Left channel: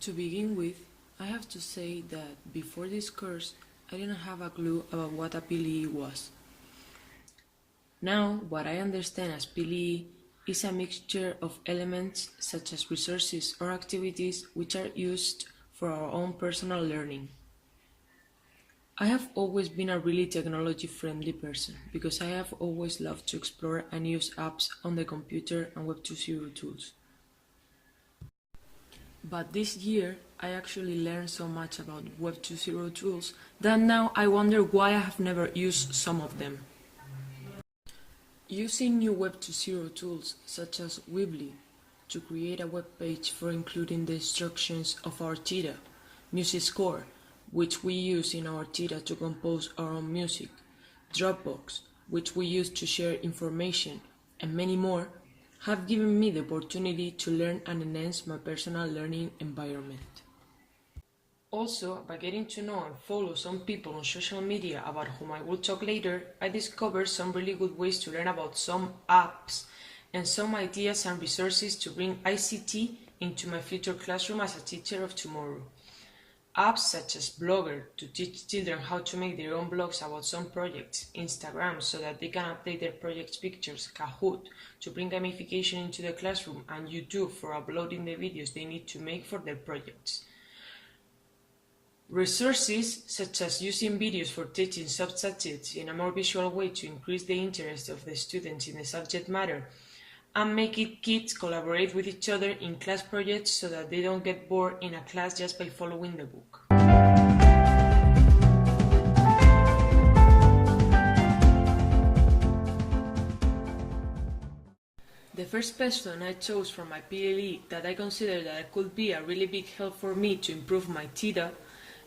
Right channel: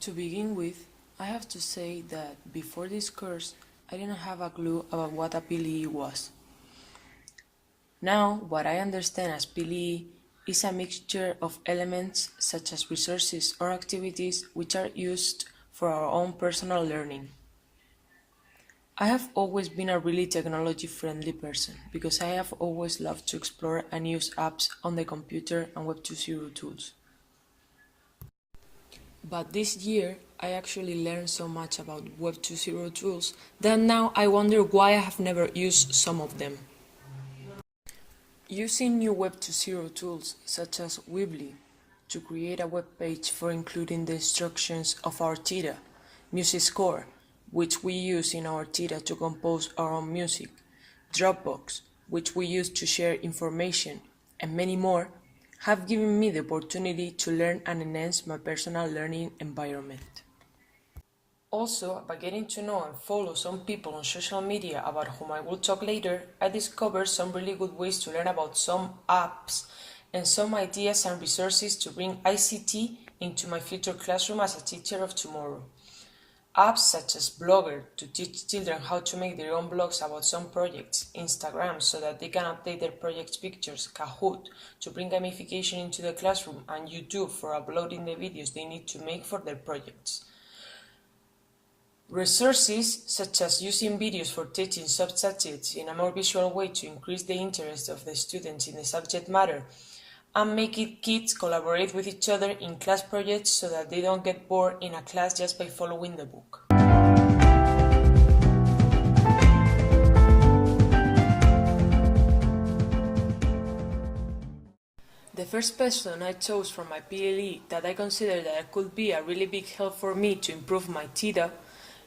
To begin with, I have to say that before this course, I didn't have a clue about what a PLE was. Now, what I understand as PLE is a mixture of elements such as resources or activities which are used for our own personal learning. I have always been a really technology-friendly person because I have always loved to explore and use apps on the computer and Web 2.0 tools. But this year, I actually learned so much about Web 2.0 tools that now I wonder why I have never used some of them. Using new Web 2.0 tools such as Weebly to create a web page for including the instructions of our TEDA, Music Score, which we use in our TEDA to compose our own music, Dropbox, which we use to share information, and many more, have given me the opportunity to learn and enhance my personal learning environment. Also, by getting to know and follow some people on social media about whom I will talk later, I discovered some really good ways to learn about some apps and some ideas and resources to bring ICT into my future classroom as a teacher of tomorrow. Apps such as Blogger to teach children how to make their own blogs about some projects, Instagram so that they can update their project's pictures, Kahoot to bring gamification into the classroom, and YouTube for uploading the videos they need to make for their projects. Resources such as using videos for teaching subjects in a more visual way to increase the interest of the students in the subject matter, and making kids collaborate with each other in class projects so that they don't get bored in a class just by following the book. The first person I chose from my PLE that I consider that could be a really big help for me to improve my TEDA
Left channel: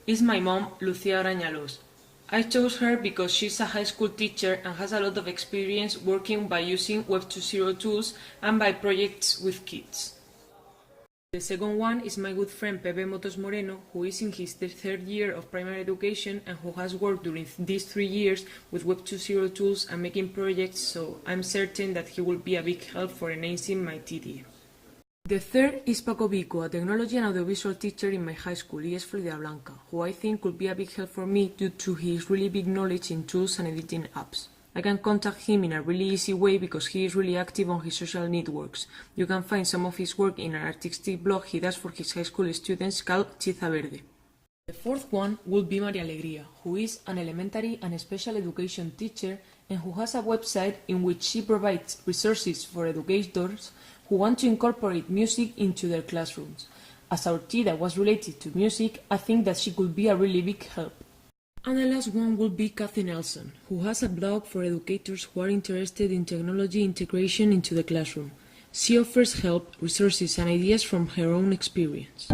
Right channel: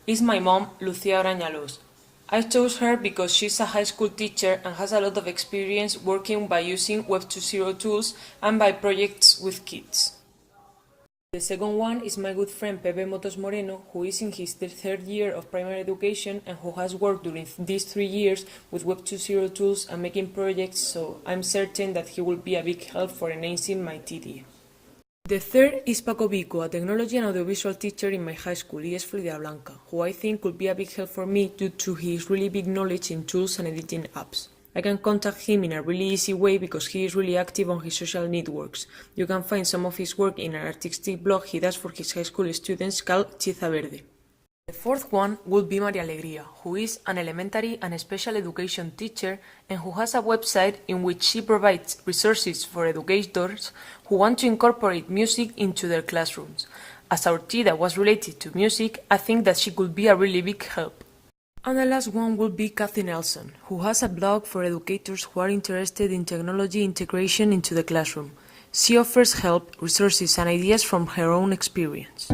is my mom, Graña. I chose her because she's a high school teacher and has a lot of experience working by using Web 2.0 tools and by projects with kids. The second one is my good friend Montes Moreno, who is in his third year of primary education and who has worked during these 3 years with Web 2.0 tools and making projects, so I'm certain that he will be a big help for enhancing my TEDA. The third is Paco Vico, a technology and audiovisual teacher in my high school, IES Florida Blanca, who I think could be a big help for me due to his really big knowledge in tools and editing apps. I can contact him in a really easy way because he is really active on his social networks. You can find some of his work in an artistic blog he does for his high school students called Chiza Verde. The fourth one would be Maria Alegría, who is an elementary and special education teacher and who has a website in which she provides resources for educators who want to incorporate music into their classrooms. As our TEDA was related to music, I think that she could be a really big help. And the last one would be Kathy Nelson, who has a blog for educators who are interested in technology integration into the classroom. She offers help, resources and ideas from her own experience.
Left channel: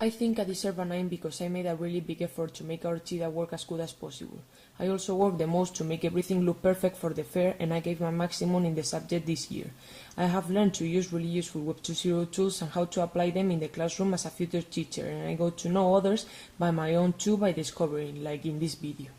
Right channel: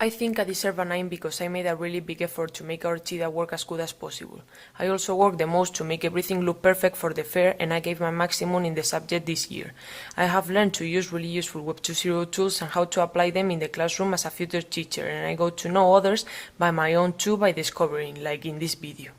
I think I deserve a 9 because I made a really big effort to make our TEDA work as good as possible. I also worked the most to make everything look perfect for the fair, and I gave my maximum in the subject this year. I have learned to use really useful Web 2.0 tools and how to apply them in the classroom as a future teacher, and I got to know others by my own too by discovering, like in this video.